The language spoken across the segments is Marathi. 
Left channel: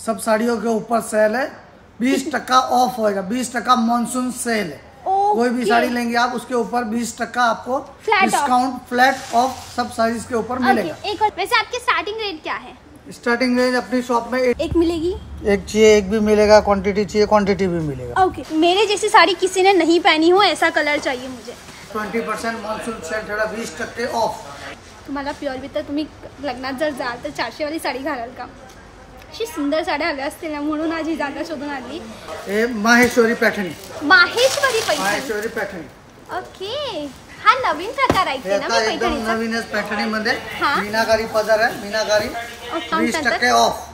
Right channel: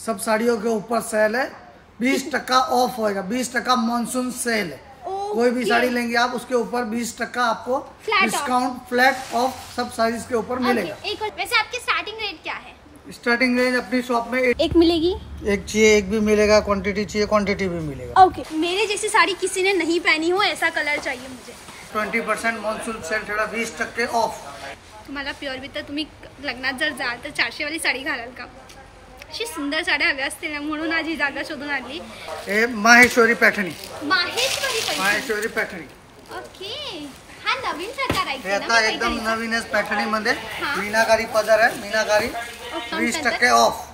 सब साड़ियों के ऊपर सेल है, 20% ऑफ होएगा, 20% मानसून सेल है। कोई भी साड़ी लेंगे आप उसके ऊपर 20% आपको डिस्काउंट फ्लैट ऑफ सब साड़ीज के ऊपर मिलेगा। एक और वैसे आपकी स्टार्टिंग रेट क्या है? स्टार्टिंग रेंज अपनी शॉप में एक मिलेगी, एक चाहिए एक भी मिलेगा, क्वांटिटी चाहिए क्वांटिटी भी मिलेगा। ओके। मेरे जैसी साड़ी किसी ने नहीं पहनी हो ऐसा कलर चाहिए मुझे। 20% मान्सून सेल थोड़ा 20% ऑफ। तुम्हाला प्युअर विथ तुम्ही लग्नात जर जाल तर 400 वाली साडी घालाल का? अशी सुंदर साड्या हव्या असतील ना, म्हणून आज ही जागा शोधून आली। हे माहेश्वरी पैठणी, माहेश्वरी पैठणी। ओके, हा नवीन प्रकार आहे हे आता एकदम नवीनच पैठणी मध्ये मीनाकारी पदर आहे, मीनाकारी 20% ऑफ।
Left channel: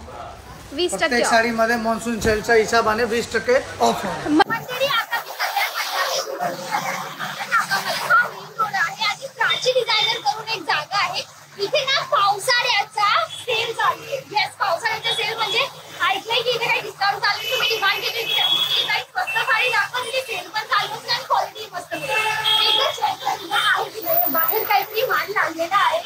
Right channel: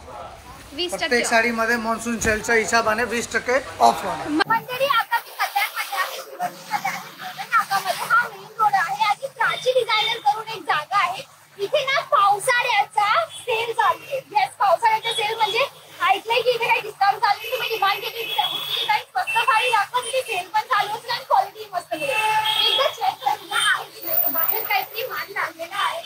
20% प्रत्येक साडी मध्ये मान्सून सेलच्या हिशोबाने 20% ऑफ होणार। डिझायनर करून एक जागा आहे इथे ना, पावसाळ्याचा सेल चालू आहे। येस, पावसाळ्याचा सेल म्हणजे ऐकलंय की इथे काही डिस्काउंट चालू आहे, तुम्ही डिमांड केली की काही स्वस्त साडी दाखवली, सेल पण चालू असते आणि क्वालिटी मस्त मिळेल। एकदा चेक करून बाहेर काहीतरी माल लागलेला आहे,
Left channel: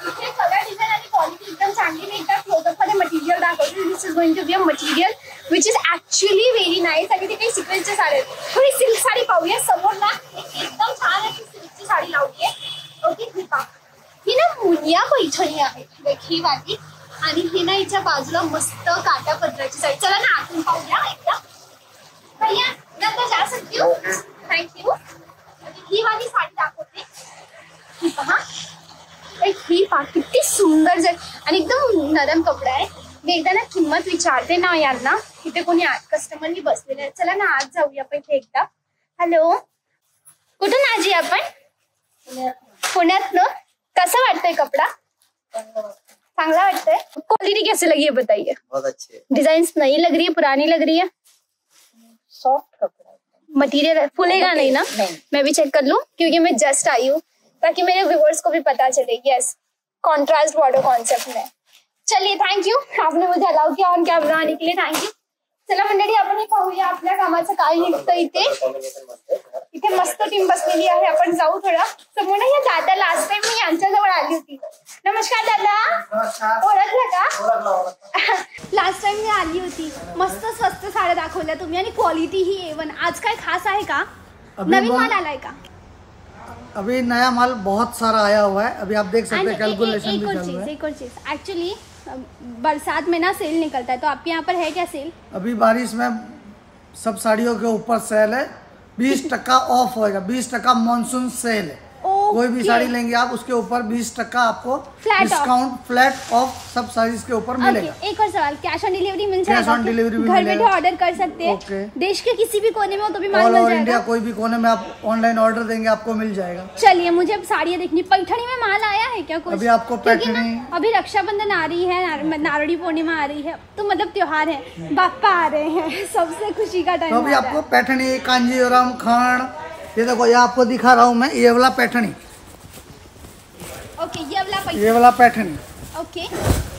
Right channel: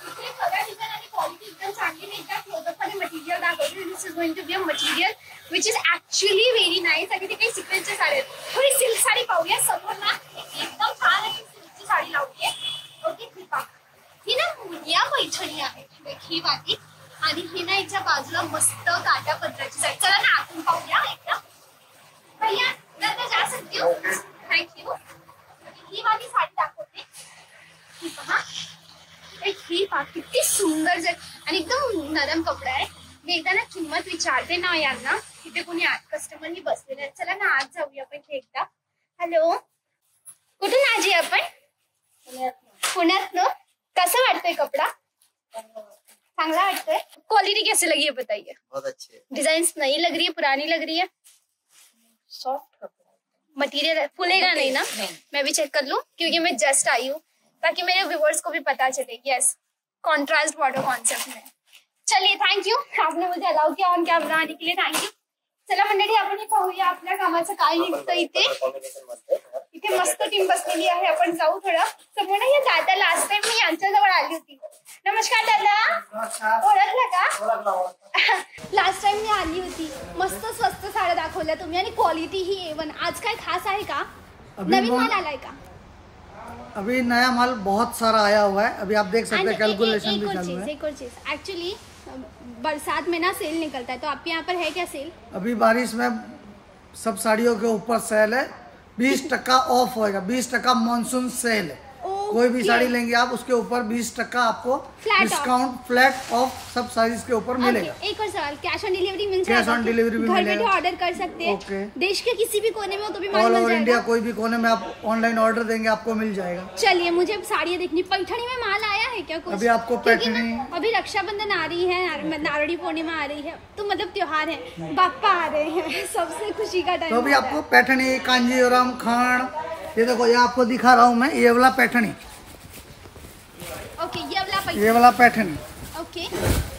इथे कलर डिझाइन आणि क्वालिटी एकदम चांगली आहे। एकदा क्लोजअप मध्ये मटेरियल दाखवते। This is going to be a material which is actually very nice. आणि ते काही सिक्वेन्सचे साडी आहेत। थोडी सिल्क साडी पाहूया समोर ना, एकदम छान आहे सिल्कची साडी लावली आहे। ओके, ठीक आहे। ही ना मुनिया पैठणी आहे, ही वाली, आणि ही ना हिच्या बाजूला मस्त काटा पदराची साडी। चला ना आतून पाहूया एकदा। भैया नंतर जा सकते हो, थँक्यू। ही वाली साडी दाखवते, ही पहा, ही पहा किती सुंदर जर आणि एकदम नरम कपडा आहे। मी एकदा ना किंमत विचारते ना यांना, इथे कोणी आत कस्टमरनी बसलेले आहेत। चला ना आत जाऊया आपण एकदा। हॅलो, कुठून आजी आपण? पुण्यात ना। कैसा वाटतंय कपड़ा? चांगला वाटतंय। क्वालिटी कैसे लगी है बताइए? बहुत अच्छी है। डिजाइन्स नई लग रही है, पुरानी लग रही है? सॉफ्ट कपड़ा, मटेरियल फूलेगा नहीं ना? मैं भी चेक कर लूं क्योंकि मैं जस्ट आई हूँ, ताकि मेरे व्यूअर्स को भी पता चले। यस, कॉन्ट्रास्ट बॉर्डर कॉन्सेप्ट में। चलिए, थैंक यू, आपने मुझे अलाउ किया ऑन कॅमेरा आने के लिए, थँक यू। चला मंडळी, आपण पाहूया आपल्या कामाचं काय निघतं इथे। इथे मस्त टीम बसलेली आहे, आपण जाऊ थोडा समोर। या दादा लास्ट टाइम मी यांच्याजवळ आली होती। नमस्कार दादा, ओळखलं का? लास्ट टाइम मी आली होती, मस्त स्वस्त साड्या दाखवल्या तुम्ही आणि क्वालिटी ही A1। आज काय खास आहे का? नवीन माल आलाय का? अभी नया माल बहुत सारा आया हुआ है, अभी आप देख सकते हैं, कैलकुलेशन भी चालू है। एक और चीज, एक्चुअली बरसात में ना सेल निकलता है, तो आपके यहाँ पर है क्या सेल? अभी बारिश में सब साड़ियों के ऊपर सेल है, 20% ऑफ होएगा, 20% मानसून सेल है। कोई भी साड़ी लेंगे आप उसके ऊपर 20% आपको डिस्काउंट फ्लैट ऑफ सब साड़ीज के ऊपर मिलेगा। एक और सवाल, कैश ऑन डिलीवरी मिल जाएगा? कैश ऑन डिलीवरी भी मिलेगा, ऑर्डर कर सकते हैं। ओके। देश के किसी भी कोने में हो तो भी ऑल ओवर इंडिया कोई भी कोने में आप ऑनलाइन ऑर्डर देंगे आपको मिल जाएगा। चलिए, मुझे अब साड़ियाँ देखनी। पैठणी में माल आया है क्या कुछ? अभी आपको पैठणी, अभी रक्षाबंधन आ रही है, नारड़ी पूर्णिमा आ रही है, तो मतलब त्योहार है, बापा आ रहे हैं, सबसे खुशी का टाइम। तो अभी आपको पैठणी, कांजीवरम, खंड, ये देखो, ये आपको दिखा रहा हूँ मैं, ये वाला पैठणी। ओके, ये वाला पैठनी, ओके,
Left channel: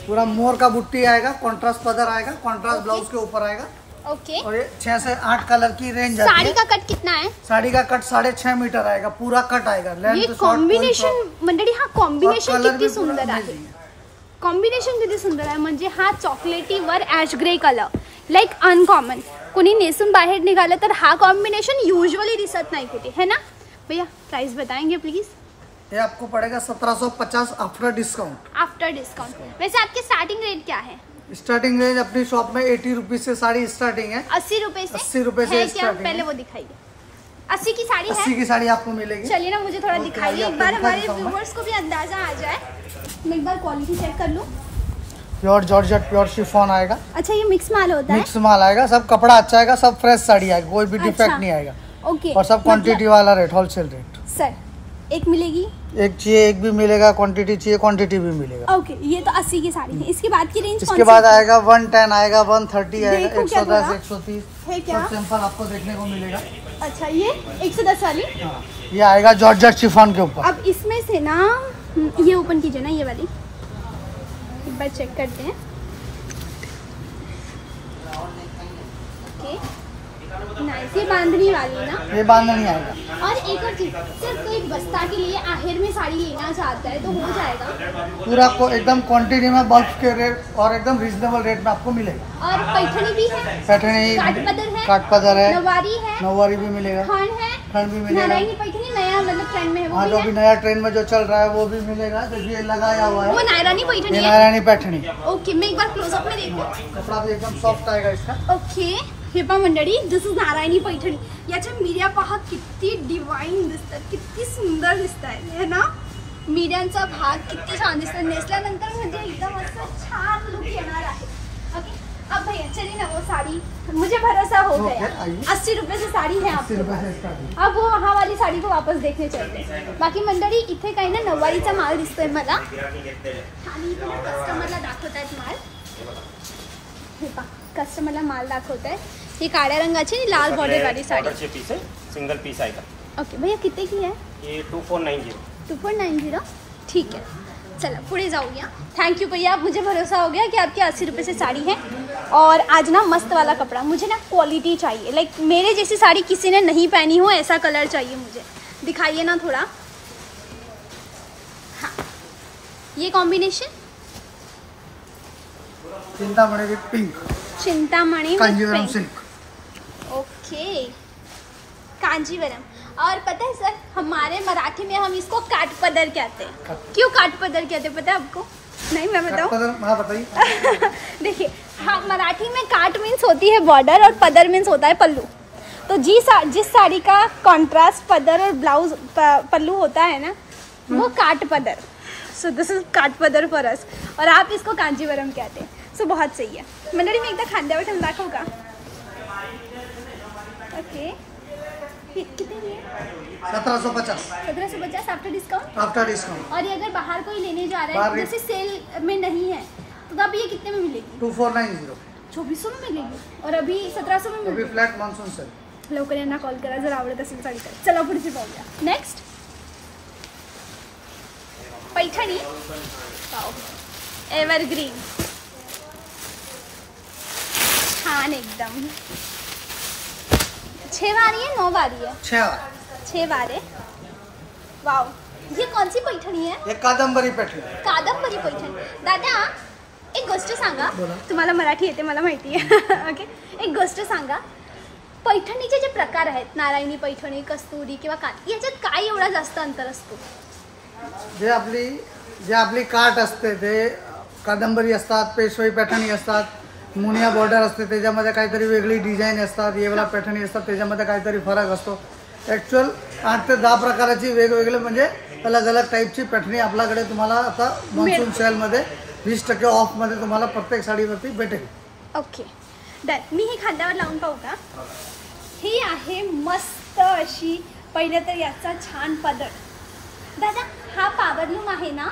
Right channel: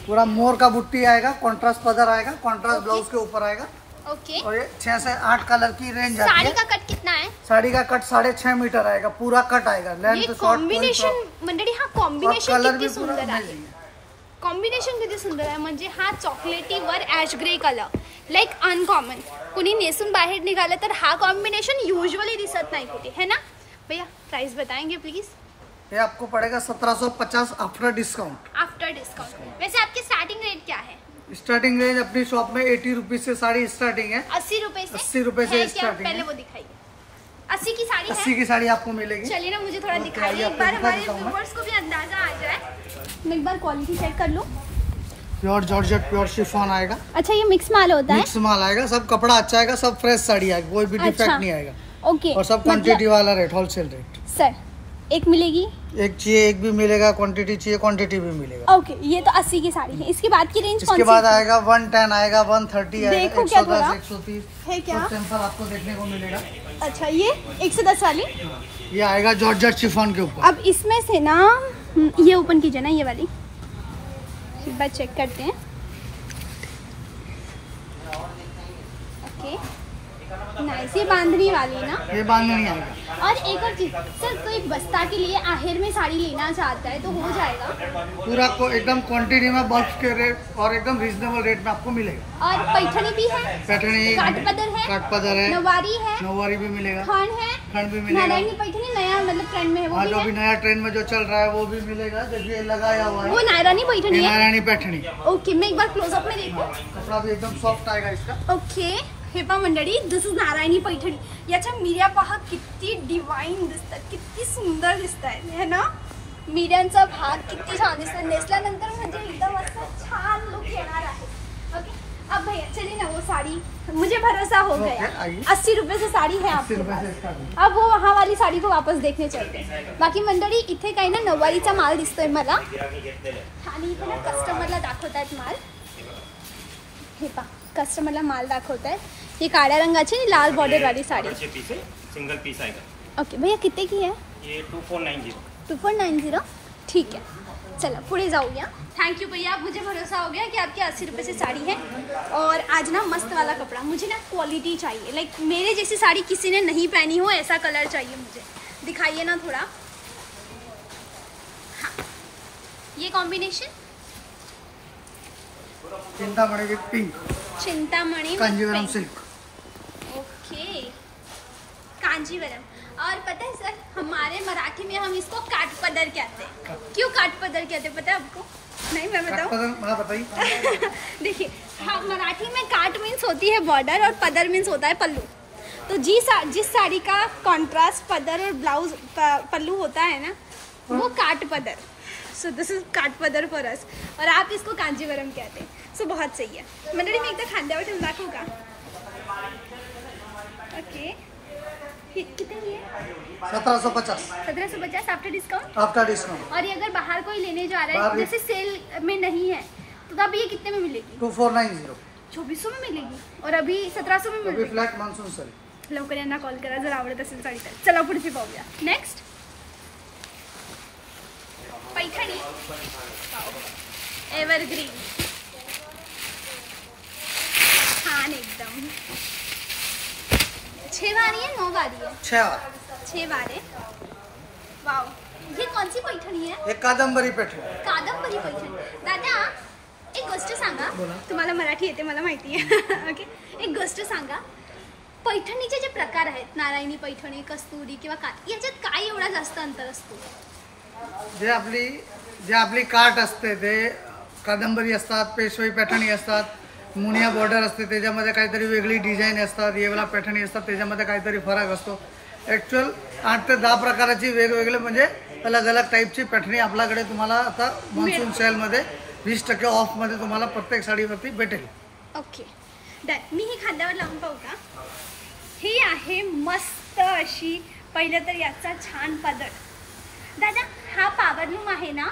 पूरा मोर का बुट्टी आएगा, कॉन्ट्रास्ट पदर आएगा, कॉन्ट्रास्ट ब्लाउज के ऊपर आएगा। ओके। और ये 6 से 8 कलर की रेंज आती है। साड़ी का कट कितना है? साड़ी का कट 6.5 मीटर आएगा, पूरा कट आएगा, लेंथ शॉर्ट कॉम्बिनेशन मंडळी, हा कॉम्बिनेशन कलर भी किती पूरा सुंदर आहे। अमेजिंग है। कॉम्बिनेशन किती सुंदर आहे, म्हणजे हा चॉकलेटी वर ash grey colour, like uncommon. कोणी नेसून बाहेर निघालं तर हा कॉम्बिनेशन यूजुअली दिसत नाही कुठे, है ना भैया? प्राइस बताएंगे प्लीज? ये आपको पड़ेगा 1750 आफ्टर डिस्काउंट। After discount. वैसे आपकी स्टार्टिंग रेट क्या है? स्टार्टिंग रेंज अपनी शॉप में 80 रुपीज से साड़ी स्टार्टिंग है। 80 रुपए से? 80 रुपए से स्टार्टिंग है। पहले वो दिखाइए। 80 की साड़ी 80 की साड़ी आपको मिलेगी। चलिए ना, मुझे थोड़ा ओके, दिखाइए, आपको दिखा देता हूँ मैं। को भी अंदाजा आ जाए। मैं एक बार क्वालिटी चेक कर लूँ। प्योर जॉर्जेट, प्योर शिफॉन आएगा। अच्छा, ये मिक्स माल होता है? मिक्स माल आएगा, सब कपड़ा अच्छा आएगा, सब फ्रेश साड़ी आएगी, कोई भी डिफेक्ट नहीं आएगा। ओके। और सब क्वांटिटी वाला रेट, होलसेल रेट। सर, एक मिलेगी? एक चाहिए एक भी मिलेगा, क्वांटिटी चाहिए क्वांटिटी भी मिलेगा। ओके, ये तो 80 की साड़ी है। इसके बाद की रेंज? इसके बाद आएगा 110 आएगा, 130 आएगा, 110, 130 क्या? सब सैंपल आपको देखने को मिलेगा। अच्छा, ये 110 वाली? हाँ, ये आएगा जॉर्जेट शिफॉन के ऊपर। अब इसमें से ना ये ओपन कीजिए ना, ये वाली एक बार चेक करते हैं। Okay, nice. ये बांधनी वाली ना? ये बांधनी आएगा। और एक और चीज सर, कोई बस्ता के लिए आहेर में साड़ी लेना चाहता है तो हो जाएगा? पूरा को एकदम क्वांटिटी में बल्क के रेट और एकदम रीजनेबल रेट में आपको मिलेगा। और पैठनी भी है? पैठनी, काठपदर है, नवारी है, नवारी भी मिलेगा, खंड भी मिलेगा। पैठनी नया मतलब ट्रेंड में है? हाँ, जो भी नया ट्रेंड में जो चल रहा है वो भी मिलेगा। देखिए ये लगाया हुआ है, वो नायरानी पैठनी ये है? नायरानी पैठनी। ओके, मैं एक बार क्लोजअप में देखूं। कपड़ा भी एकदम सॉफ्ट आएगा इसका। ओके, हे पहा मंडळी, दिस इज नारायणी पैठणी। याच्या मीडिया पहा किती डिवाइन दिसतात, किती सुंदर दिसतात है ना? मीडियांचा भाग किती छान दिसतात, नेसल्यानंतर म्हणजे एकदम असं छान लुक येणार आहे। ओके, अब भैया चलिए ना, वो साड़ी मुझे भरोसा हो गया। 80 रुपए से साड़ी है, 80 रुपए से स्टार्ट। अब वो वहाँ वाली साड़ी को वापस देखने चलते। बाकी मंडळी इथे काही ना नऊवारीचा माल दिसतोय मला, आणि इथे ना कस्टमरला दाखवतात माल। हे पहा, कस्टमरला माल दाखवतात। ये काळ्या रंगाची लाल बॉर्डर वाली साड़ी पीस है, सिंगल पीस आएगा। ओके भैया, कितने की है? ये 2490। 2490, ठीक है। चलो पुढे जाऊया। थैंक यू भैया, मुझे भरोसा हो गया कि आपके 80 रुपए से साड़ी है। और आज ना मस्त वाला कपड़ा, मुझे ना क्वालिटी चाहिए, लाइक मेरे जैसी साड़ी किसी ने नहीं पहनी हो ऐसा कलर चाहिए मुझे। दिखाइए ना थोड़ा। हाँ, ये combination Chintamani with pink, Chintamani Kanjeevaram silk. Okay, Kanjeevaram. और पता है सर, हमारे मराठी में हम इसको काठपदर कहते हैं। क्यों काठपदर कहते हैं पता है आपको? नहीं, मैं बताऊं? हाँ बताइए। देखिए, हम मराठी में काट मीन्स होती है बॉर्डर और पदर मीन्स होता है पल्लू। तो जिस साड़ी का कॉन्ट्रास्ट पदर और ब्लाउज पल्लू होता है ना, वो kathpadar. So this is kathpadar for us, और आप इसको कांजीवरम कहते हैं। सो बहुत सही है। मंडळी, मी एकदा खांद्यावर ठेवून दाखवू का? ओके, कितने की है? 1750। 1750 आफ्टर डिस्काउंट? After discount. और ये अगर बाहर कोई लेने जा रहा है, जैसे सेल में नहीं है, तो तब ये कितने में मिलेगी? 2490। 2400 में मिलेगी, और अभी 1700 में मिलेगी। Flat monsoon sale. लवकर यांना कॉल करा जर आवडत असेल साडी तर। चला पुढची पाहूया। नेक्स्ट पैठणी, एव्हरग्रीन, छान एकदम। 6 वारी है, 9 वारी है? 6 वार है। वाव, ये कौन सी पैठणी है? एक कादंबरी पैठणी। कादंबरी पैठणी। दादा, एक गोष्ट सांगा। बोला। तुम्हाला मराठी येते मला माहिती आहे। ओके, एक गोष्ट सांगा, पैठणीचे जे प्रकार आहेत, नारायणी पैठणी, कस्तुरी किंवा याच्यात काय एवढा जास्त अंतर असतो? जे आपली काठ असते ते कादंबरी असतात, पेशवाई पैठणी असतात, मुनिया बॉर्डर असते, त्याच्यामध्ये काहीतरी वेगळी डिझाईन असतात, येवला पैठणी असतात, त्याच्यामध्ये काहीतरी फरक असतो। ॲक्च्युअल 8 ते 10 प्रकाराची वेगवेगळे म्हणजे अलग अलग टाईपची पैठणी आपल्याकडे तुम्हाला आता मॉन्सून सेलमध्ये 20% ऑफमध्ये तुम्हाला प्रत्येक साडीवरती भेटेल। Okay done. मी ही खांद्यावर लावून पाहू का? ही आहे मस्त अशी, पहिलं तर याचा छान पदर। दादा, हा पॉवरलूम आहे ना,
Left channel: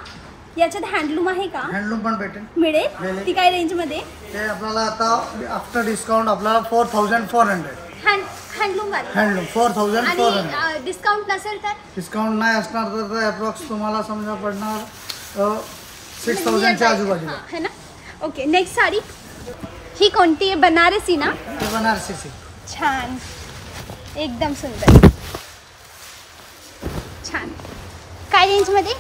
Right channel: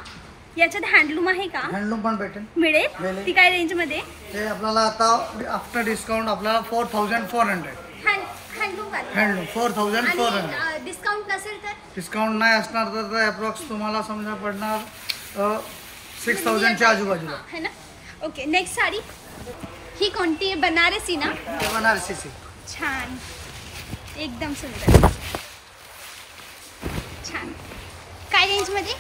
याच्यात हँडलूम आहे का? हँडलूम पण भेटेल, मिळेल। ती काय रेंज मध्ये? ते आपल्याला आता आफ्टर डिस्काउंट आपल्याला 4400 हँडलूम वाली। हँडलूम 4400। डिस्काउंट नसेल तर? डिस्काउंट नाही असणार तर अप्रॉक्स तुम्हाला समजा पडणार 6000 च्या आजूबाजूला है ना। ओके, नेक्स्ट साडी ही कोणती आहे? बनारसी ना? ते बनारसी सिल्क। छान, एकदम सुंदर, छान। काय रेंज मध्ये?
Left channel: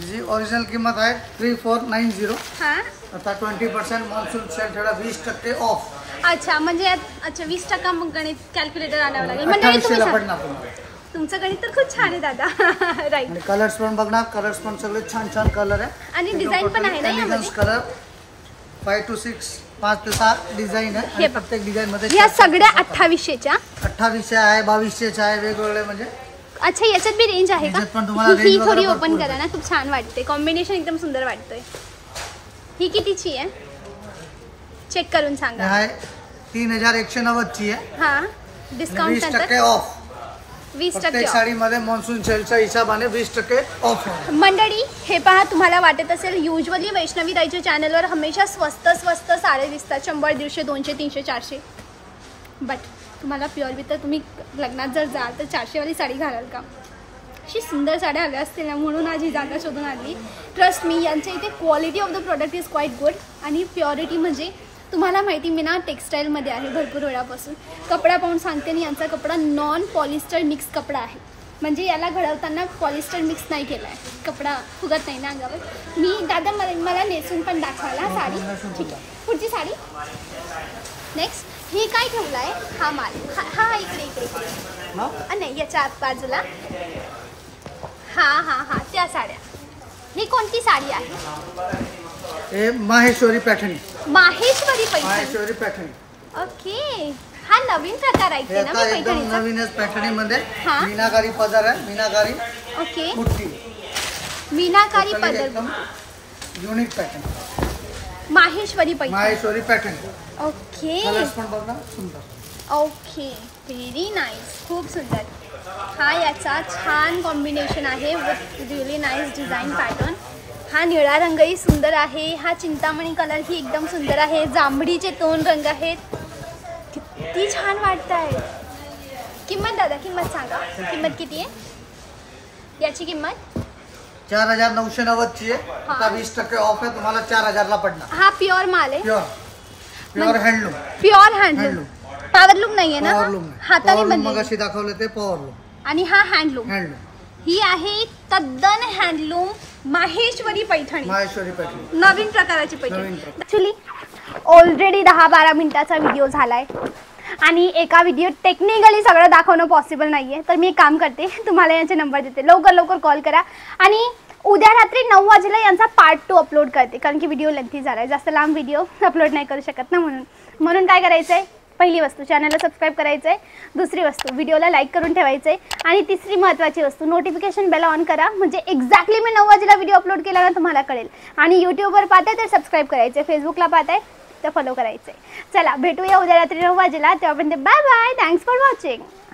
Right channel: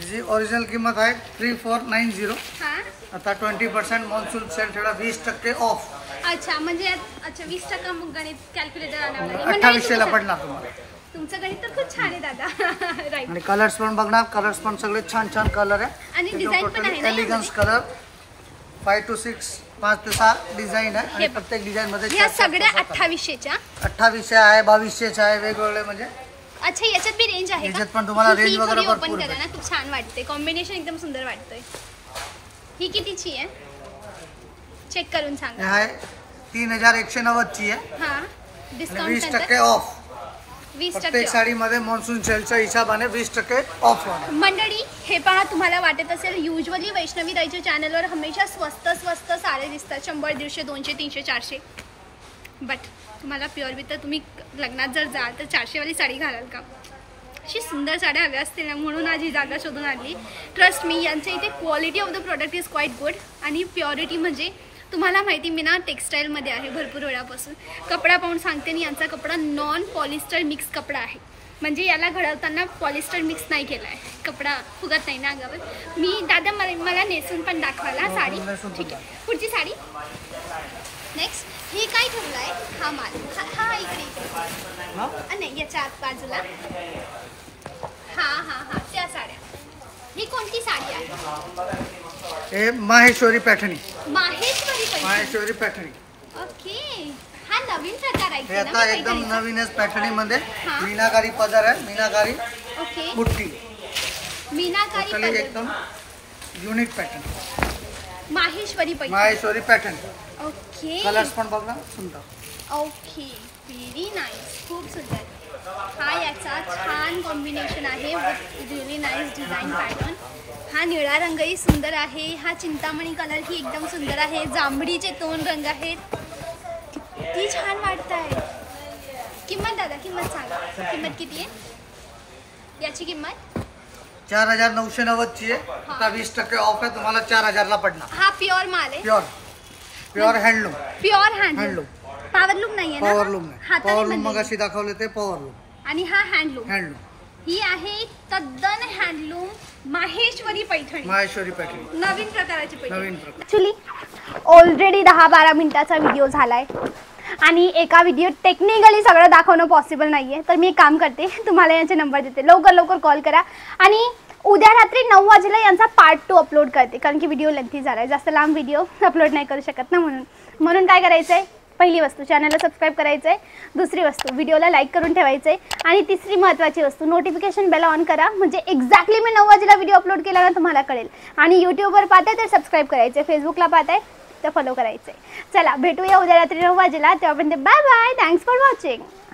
जी ओरिजिनल किंमत आहे 3490। हाँ, आता 20% मॉन्सून सेल ठेवला, 20% ऑफ। अच्छा, म्हणजे अच्छा 20% मग गणित कॅल्क्युलेटर आणावं लागेल। 2800 पडणार तुम्हाला। तुमचं गणित तर खूप छान आहे दादा। राईट। आणि कलर्स पण बघणार, कलर्स पण सगळे छान छान कलर आहे, आणि डिझाइन पण आहे ना, एलिगन्स कलर 5 to 6 5 ते 6 डिझाईन आहे, आणि प्रत्येक डिझाईन मध्ये या सगळ्या 2800च्या 2800 आहे, 2200 आहे, वेगवेगळे म्हणजे। अच्छा, याच्यात बी रेंज आहे का? याच्यात पण तुम्हाला रेंज वगैरे ओपन भरपूर करा ना, खूप छान वाटते, कॉम्बिनेशन एकदम सुंदर वाटतोय। ही कितीची आहे? चेक करून सांगा। आहे 3190 ची आहे, हां, डिस्काउंट 20% ऑफ। 20% प्रत्येक साडीमध्ये मॉन्सून सेलच्या हिशोबाने 20% ऑफ होणार। मंडळी, हे पहा, तुम्हाला वाटत असेल युजली वैष्णवी ताईच्या चॅनलवर हमेशा स्वस्त साड्या दिसतात, 100, 150, 200, 300, 400। बट तुम्हाला प्युअर विथ, तुम्ही लग्नात जर जाल तर 400 वाली साडी घालाल का? अशी सुंदर साड्या हव्या असतील ना, म्हणून आज ही जागा शोधून आणली। ट्रस्ट मी, यांच्या इथे quality of the product is quite good, आणि प्युरिटी म्हणजे तुम्हाला माहिती मी ना टेक्स्टाईलमध्ये आहे भरपूर वेळापासून. कपडा पाहून सांगते आणि यांचा कपडा नॉन पॉलिस्टर मिक्स कपडा आहे. म्हणजे याला घडवताना पॉलिस्टर मिक्स नाही केला आहे. कपडा फुगत नाही ना अंगावर. मी दादा मला नेसून पण दाखवायला साडी. ठीक आहे, पुढची साडी. नेक्स्ट ही काय ठेवलं आहे? हा माल. हा इकडे नाही, याच्या आत बाजूला. हा त्या साड्या. ही कोणती साडी आहे? माहेश्वरी पैठणी. माहेश्वरी पैठणी. ओके, हा नवीन प्रकार आहे. आता एकदम नवीनच पैठणी मध्ये मीनाकारी पदर आहे. मीनाकारी ओके, बुट्टी. मीनाकारी पदर एकदम unique pattern. Maheshwari Paithani. Okay, colours पण बघा सुंदर. ओके, व्हेरी नाईस, खूप सुंदर. हा याचा छान कॉम्बिनेशन आहे with really nice design pattern. हा निळा रंगही सुंदर आहे. हा चिंतामणी कलर ही एकदम सुंदर आहे. जांभळीचे 2 रंग आहेत. किती छान वाटत आहे. किंमत दादा, किंमत सांगा. किंमत किती आहे याची? किंमत 4990 ची आहे. आता 20% ऑफ आहे. तुम्हाला 4000 ला पडणार. हा प्युअर माल आहे. Pure handloom. पॉवरलूम नाहीये ना? पॉवरलूम मग अशी दाखवले ते पॉवरलूम. आणि हा हँडलूम. ही आहे तद्दन हँडलूम माहेश्वरी पैठणी. नवीन प्रकाराची पैठणी. ऍक्च्युली ऑलरेडी 10-12 मिनिटाचा व्हिडिओ झालाय आणि एका व्हिडिओ टेक्निकली सगळं दाखवणं पॉसिबल नाहीये. तर मी एक काम करते, तुम्हाला यांचे नंबर देते. लवकर कॉल करा. आणि उद्या रात्री 9 वाजेला यांचा पार्ट 2 अपलोड करते, कारण की व्हिडिओ लेंथी झालाय. जास्त लांब व्हिडिओ अपलोड नाही करू शकत ना. म्हणून काय करायचं आहे? पहिली वस्तू चॅनलला सबस्क्राईब करायचं आहे. दुसरी वस्तू व्हिडिओला लाईक करून ठेवायचं आहे. आणि तिसरी महत्त्वाची वस्तू नोटिफिकेशन बेल ऑन करा. म्हणजे एक्झॅक्टली मी 9 वाजेला व्हिडिओ अपलोड केला ना तुम्हाला कळेल. आणि यूट्यूबवर पाहताय तर सबस्क्राईब करायचं आहे. फेसबुकला पाहताय तर फॉलो करायचं आहे. चला भेटूया उद्या रात्री 9 वाजेला. तेव्हापर्यंत bye bye. Thanks for watching.